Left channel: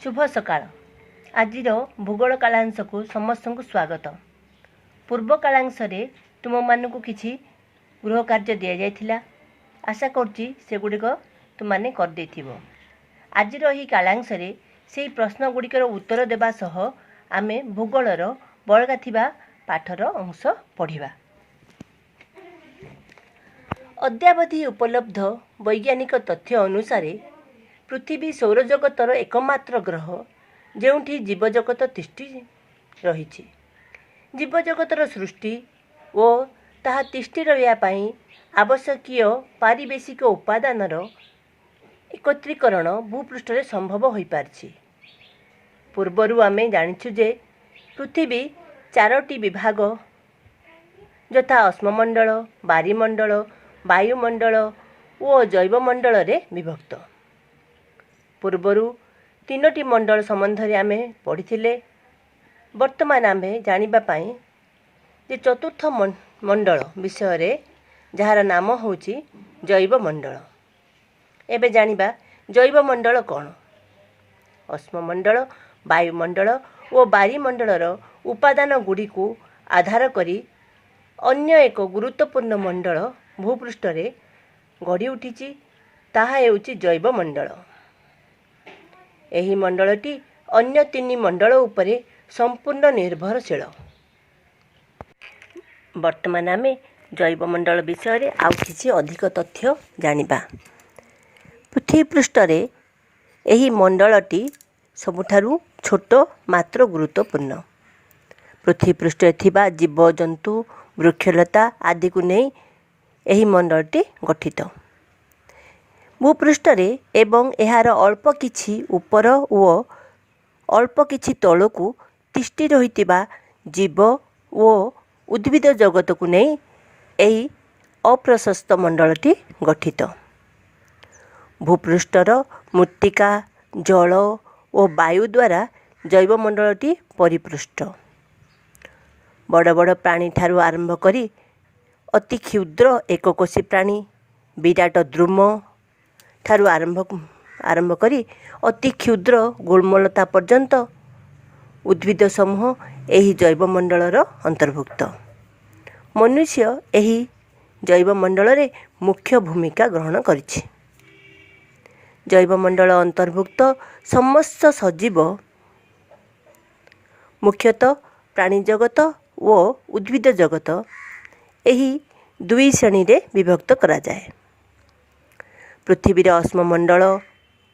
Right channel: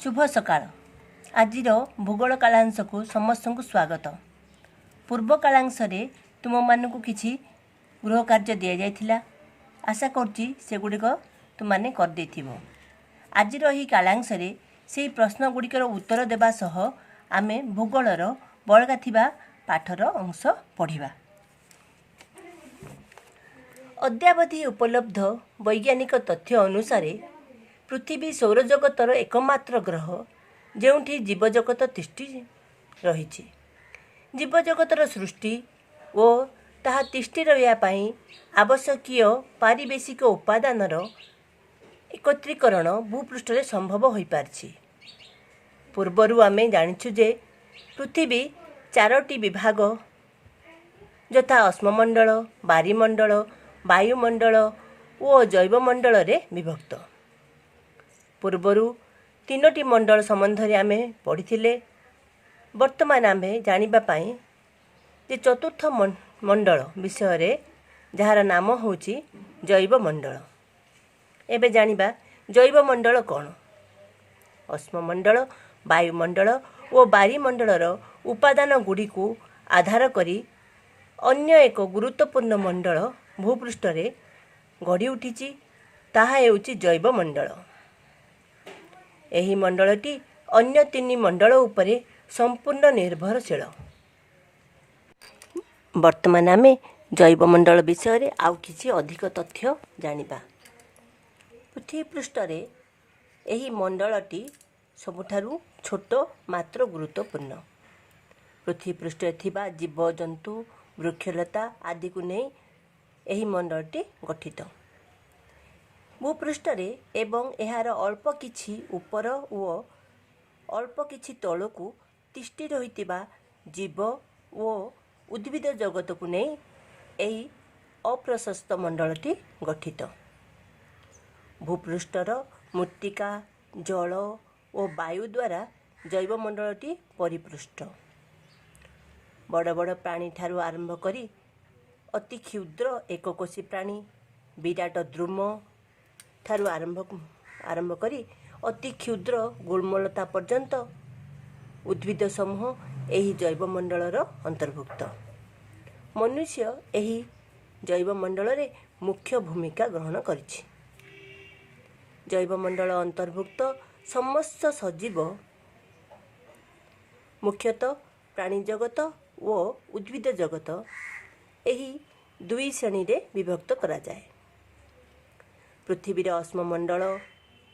शुभ सकाळ। आज भूगोल कालांश को समस्त को स्वागत। पूर्व कालांश तुम मानक किसी गृह कार्य दि जाइथिला, आशा करुच्ची सेगुड़िक तुमने करदे। आज कालांश से प्रश्न गुड़िकर उत्तर देवा सह आमे भूगोलर बलगा थिबा पाठर अंश पढ़िबा। अद्यावधि उपलब्ध वैज्ञानिक तथ्य अनुसार पृथ्वी सौरजगतर एकमात्र ग्रह जेउठी जीवजगत तिष्ठि रही। जीवजगतर सृष्टि और ताहा तिष्ठि रहिया पई आवश्यकीय पारिवेशिक उपादानर एकत्रीकरण भूपृष्ठ में संभव हो पारछि। पूर्वरु आमे जानिछु जे पृथ्वी 4टी विभाग यथा अश्ममंडल, बारीमंडल, वायुमंडल और जैवमंडल रे विभक्त। पूर्वरु 3टी मंडल संबंध में आमे पढ़िथिले। वर्तमान आमे जानिबा पाई जे चतुर्थ मंडल विषय रे जहार नाम होची जैवमंडल। एबे जानिबा जैवमंडल कौन। अश्ममंडल, वायुमंडल और बारीमंडलर उपादान गुड़ी को आधार करी अन्य एक गुरुत्वपूर्ण मंडल भूपृष्ठ रे गढ़ी उठिची, ताहा हेउची जैवमंडल। एही मंडलटी अन्य 3 मंडल उपरे संपूर्ण निर्भरशील। वर्तमान आमे जैवमंडल विषय रे आउ किछि अधिक तथ्य जानिबा। पृथ्वी पृष्ठ रे एही मंडलटी सबुठारु छोट मात्र गुरुत्वपूर्ण। पृथ्वी पृष्ठ थिबा जीव जंतु वृक्षलता आदि को नहीं एही मंडलटी गठित। भूपृष्ठ रे एवं एहार अल्प किछि ऊपर और अल्प किछि तलकू तिष्ठि रहितिबा जीव और उद्भिद जगत को नहीं एही अप्रशस्त मंडलटी गठित। भूपृष्ठर मृत्तिका, जल और वायु द्वारा जैवमंडलटी परिपृष्ठ। बड़ बड़ प्राणी ठारू आरंभ करी अति क्षुद्र एककोशी प्राणी, विराट द्रुम ठारू आरंभ करी अति क्षुद्र गुल्मलता पर्यंत उद्भिद समूह एही जैवमंडलर अंतर्भुक्त। मनुष्य एही जैवमंडल रे मुख्य भूमिका ग्रहण करिछि। जैवमंडल अंतर्भुक्त समस्त सजीव मुख्यतः प्राणी जगत और उद्भिद जगत एही 2 श्रेणी रे विभक्त करा जाए। पृथ्वीर अश्ममंडल,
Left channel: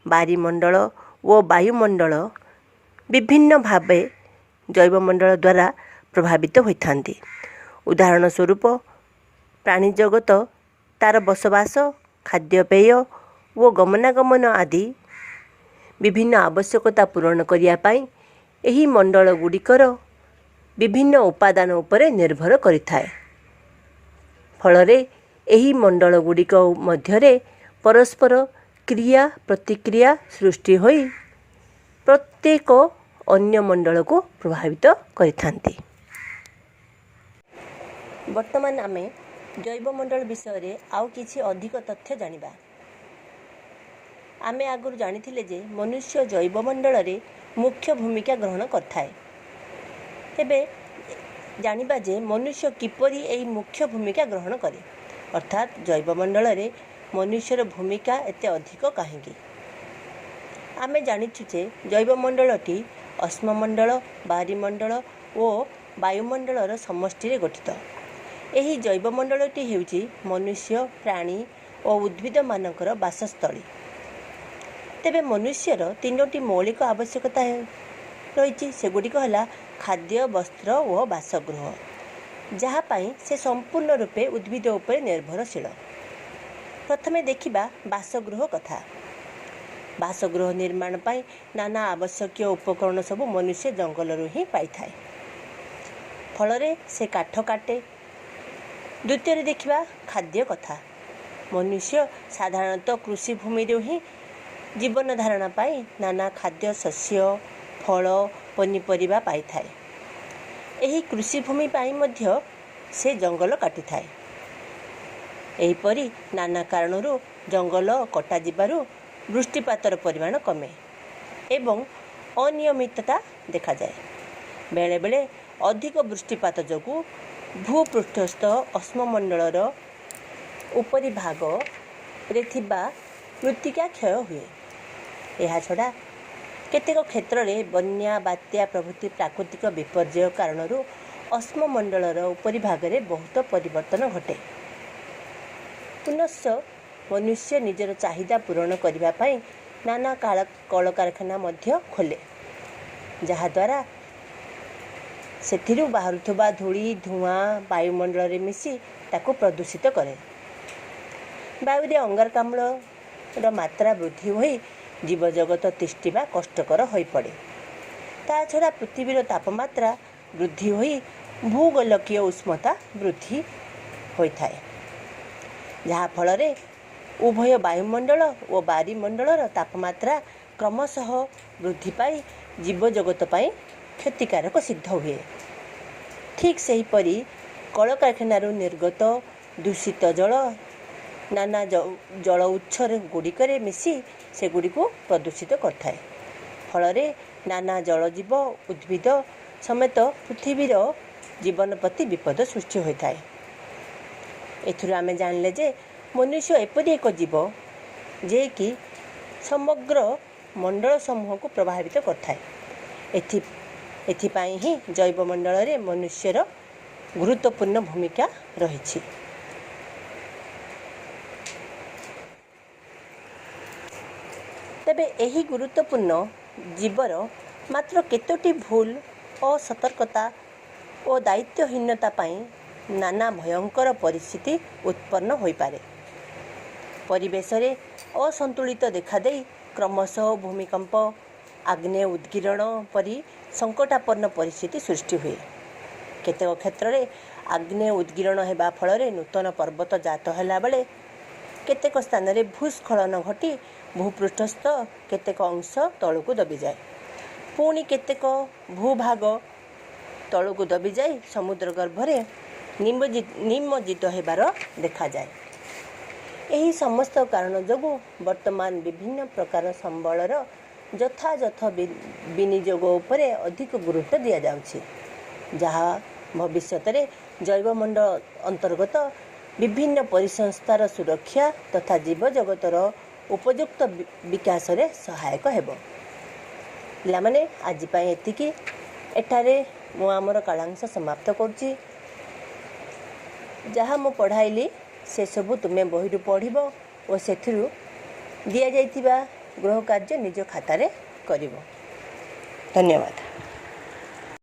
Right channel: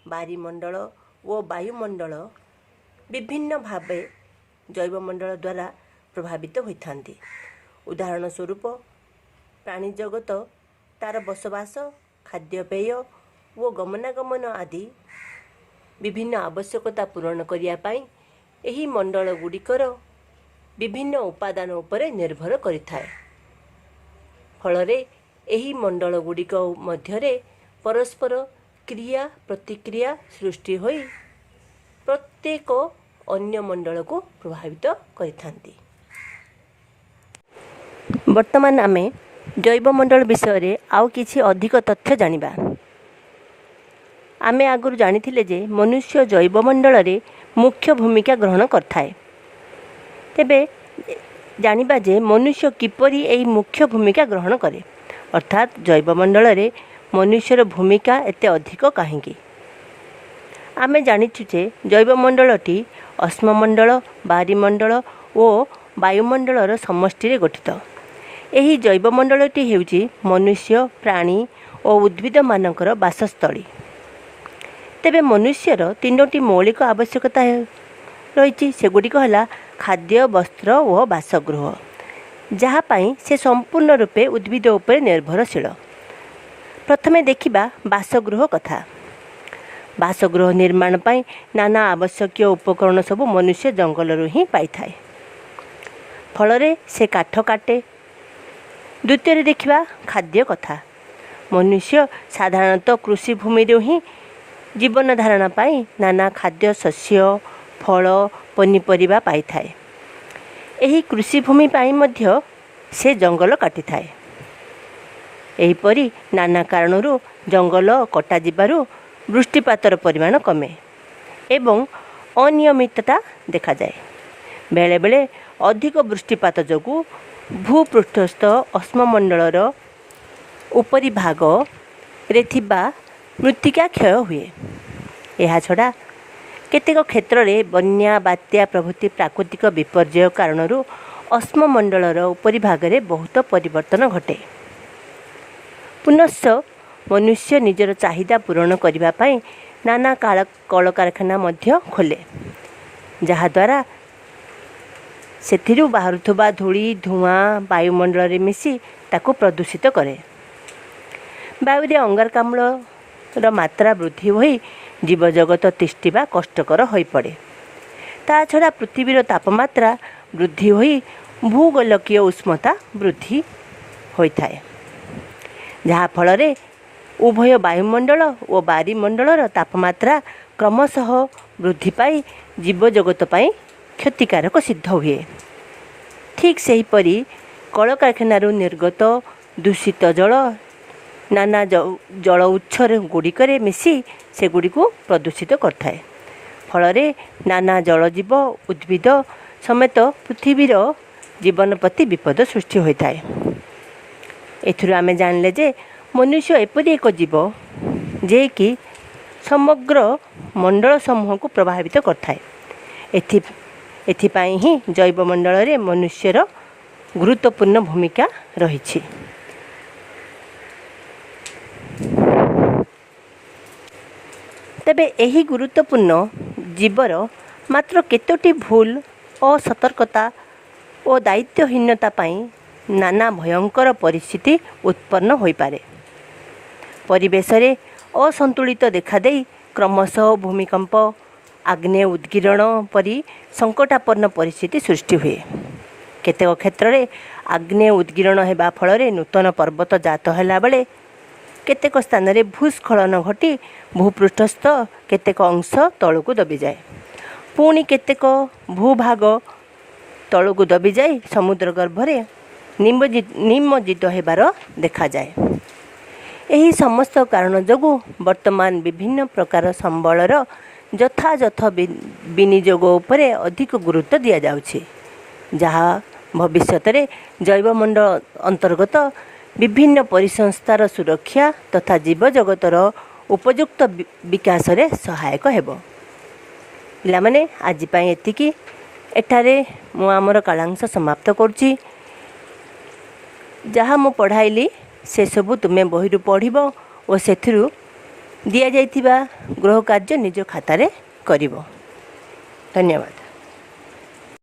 बारीमंडल और वायुमंडल विभिन्न भावे जैवमंडल द्वारा प्रभावित होइथांती। उदाहरण स्वरूप प्राणी जगत तार बसवास, खाद्यपेय और गमनागमन आदि विभिन्न आवश्यकता पूरण करिया पाई एही मंडल गुड़िकर विभिन्न उपादान उपरे निर्भर करिथाए। फलरे एही मंडल गुड़िक मध्यरे परस्पर क्रिया प्रतिक्रिया सृष्टि होई प्रत्येक अन्य मंडल को प्रभावित करिथांती। वर्तमान आमे जैवमंडल विषय रे आउ किछि अधिक तथ्य जानिबा। आमे आगुरु जानिथिले जे मनुष्य जैवमंडल रे मुख्य भूमिका ग्रहण करथाए। तेबे जानिबा जे मनुष्य किपरि एही मुख्य भूमिका ग्रहण करे, अर्थात जैवमंडल रे मनुष्यर भूमिका एते अधिक काहेकि। आमे जानिछु जे जैवमंडलटी अश्ममंडल, बारीमंडल और वायुमंडलर समष्टि रे गठित। एही जैवमंडलटी हेउची मनुष्य, प्राणी और उद्भिद मानकर बासस्थली। तेबे मनुष्यर 3टी मौलिक आवश्यकता रही। सेगुड़िक है खाद्य, वस्त्र और बासगृह, जहाँ पाई से संपूर्ण रूपे उद्भिद उपर निर्भरशील। प्रथमे देखिबा बासगृह कथा। बासगृह निर्माण पाई नाना आवश्यकीय उपकरण सब मनुष्य जंगलरू ही पाई थाए। फलरे से काठ काटे। द्वितीय देखिबा खाद्य कथा। मनुष्य साधारणतः कृषि भूमि ही जीवन धारण पाई नाना खाद्य शस्य, फल, पनीपरिबा पाई थाए। एही कृषि भूमि पाई मध्य से जंगल काटी थाए। एहीपरि नाना कारणरू जंगल कटा जिबारु वृष्टिपातर परिमाण कमे एवं ଅନିୟମିତତା ଦେଖାଯାଏ। ବେଳେବେଳେ ଅଧିକ ବୃଷ୍ଟିପାତ ଯୋଗୁଁ ଭୂପୃଷ୍ଠସ୍ଥ ଅଶ୍ମମଣ୍ଡଳର ଉପରି ଭାଗରେ ଥିବା ମୃତ୍ତିକା କ୍ଷୟ ହୁଏ। ଏହାଛଡ଼ା କେତେକ କ୍ଷେତ୍ରରେ ବନ୍ୟା, ବାତ୍ୟା ପ୍ରଭୃତି ପ୍ରାକୃତିକ ବିପର୍ଯ୍ୟୟ କାରଣରୁ ଅଶ୍ମମଣ୍ଡଳର ଉପରି ଭାଗରେ ବହୁତ ପରିବର୍ତ୍ତନ ଘଟେ। ପୁନଶ୍ଚ ମନୁଷ୍ୟ ନିଜର ଚାହିଦା ପୂରଣ କରିବା ପାଇଁ ନାନା କଳକାରଖାନା ମଧ୍ୟ ଖୋଲେ, ଯାହାଦ୍ୱାରା ସେଥିରୁ ବାହାରୁଥିବା ଧୂଳି, ଧୂଆଁ ବାୟୁମଣ୍ଡଳରେ ମିଶି ତାକୁ ପ୍ରଦୂଷିତ କରେ। ବାୟୁରେ ଅଙ୍ଗାରକାମ୍ଳର ମାତ୍ରା ବୃଦ୍ଧି ହୋଇ ଜୀବଜଗତ ତିଷ୍ଠିବା କଷ୍ଟକର ହୋଇପଡ଼େ। ତା ଛଡ଼ା ପୃଥିବୀର ତାପମାତ୍ରା ବୃଦ୍ଧି ହୋଇ ଭୂଗୋଳକୀୟ ଉଷ୍ଣତା ବୃଦ୍ଧି ହୋଇଥାଏ, ଯାହାଫଳରେ ଉଭୟ ବାୟୁମଣ୍ଡଳ ଓ ବାରିମଣ୍ଡଳର ତାପମାତ୍ରା କ୍ରମଶଃ ବୃଦ୍ଧି ପାଇ ଜୀବଜଗତ ପାଇଁ କ୍ଷତିକାରକ ସିଦ୍ଧ ହୁଏ। ଠିକ୍ ସେହିପରି କଳକାରଖାନାରୁ ନିର୍ଗତ ଦୂଷିତ ଜଳ ନାନା ଜଳ ଉତ୍ସ ଗୁଡ଼ିକରେ ମିଶି ସେଗୁଡ଼ିକୁ ପ୍ରଦୂଷିତ କରିଥାଏ। ଫଳରେ ନାନା ଜଳଜୀବ, ଉଦ୍ଭିଦ ସମେତ ପୃଥିବୀର ଜୀବନ ପ୍ରତି ବିପଦ ସୃଷ୍ଟି ହୋଇଥାଏ। ଏଥିରୁ ଆମେ ଜାଣିଲେ ଯେ ମନୁଷ୍ୟ ଏପରି ଏକ ଜୀବ ଯିଏକି ସମଗ୍ର ମଣ୍ଡଳ ସମୂହକୁ ପ୍ରଭାବିତ କରିଥାଏ। ଏଥିପାଇଁ ହିଁ ଜୈବମଣ୍ଡଳରେ ମନୁଷ୍ୟର ଗୁରୁତ୍ୱପୂର୍ଣ୍ଣ ଭୂମିକା ରହିଛି। ତେବେ ଏହି ଗୁରୁତ୍ୱପୂର୍ଣ୍ଣ ଜୀବର ମାତ୍ର କେତୋଟି ଭୁଲ, ଅସତର୍କତା ଓ ଦାୟିତ୍ୱହୀନତା ପାଇଁ ନାନା ଭୟଙ୍କର ପରିସ୍ଥିତି ଉତ୍ପନ୍ନ ହୋଇପାରେ। ପରିବେଶରେ ଅସନ୍ତୁଳିତ ଦେଖାଦେଇ କ୍ରମଶଃ ଭୂମିକମ୍ପ, ଆଗ୍ନେୟ ଉଦ୍ଗୀରଣ ପରି ସଙ୍କଟାପନ୍ନ ପରିସ୍ଥିତି ସୃଷ୍ଟି ହୁଏ। କେତେକ କ୍ଷେତ୍ରରେ ଆଗ୍ନେୟ ଉଦ୍ଗୀରଣ ହେବା ଫଳରେ ନୂତନ ପର୍ବତ ଜାତ ହେଲାବେଳେ କେତେକ ସ୍ଥାନରେ ଭୂସ୍ଖଳନ ଘଟି ଭୂପୃଷ୍ଠସ୍ଥ କେତେକ ଅଂଶ ତଳକୁ ଦବିଯାଏ। ପୁଣି କେତେକ ଭୂଭାଗ ତଳକୁ ଦବିଯାଇ ସମୁଦ୍ର ଗର୍ଭରେ ନିମଜ୍ଜିତ ହେବାର ଦେଖାଯାଏ। ଏହି ସମସ୍ତ କାରଣ ଯୋଗୁଁ ବର୍ତ୍ତମାନ ବିଭିନ୍ନ ପ୍ରକାର ସମ୍ବଳର ଯଥାଯଥ ବିନିଯୋଗ ଉପରେ ଅଧିକ ଗୁରୁତ୍ୱ ଦିଆଯାଉଛି, ଯାହା ଭବିଷ୍ୟତରେ ଜୈବମଣ୍ଡଳ ଅନ୍ତର୍ଗତ ବିଭିନ୍ନ ପରିସଂସ୍ଥାର ସୁରକ୍ଷା ତଥା ଜୀବଜଗତର ଉପଯୁକ୍ତ ବିକାଶରେ ସହାୟକ ହେବ। ପିଲାମାନେ, ଆଜି ପାଇଁ ଏତିକି। ଏଠାରେ ମୁଁ ଆମର କାଳାଂଶ ସମାପ୍ତ କରୁଛି। ଯାହା ମୁଁ ପଢ଼ାଇଲି ସେସବୁ ତୁମେ ବହିରୁ ପଢ଼ିବ ଓ ସେଥିରୁ ଦିଆଯାଇଥିବା ଗୃହ କାର୍ଯ୍ୟ ନିଜ ଖାତାରେ କରିବ। ଧନ୍ୟବାଦ।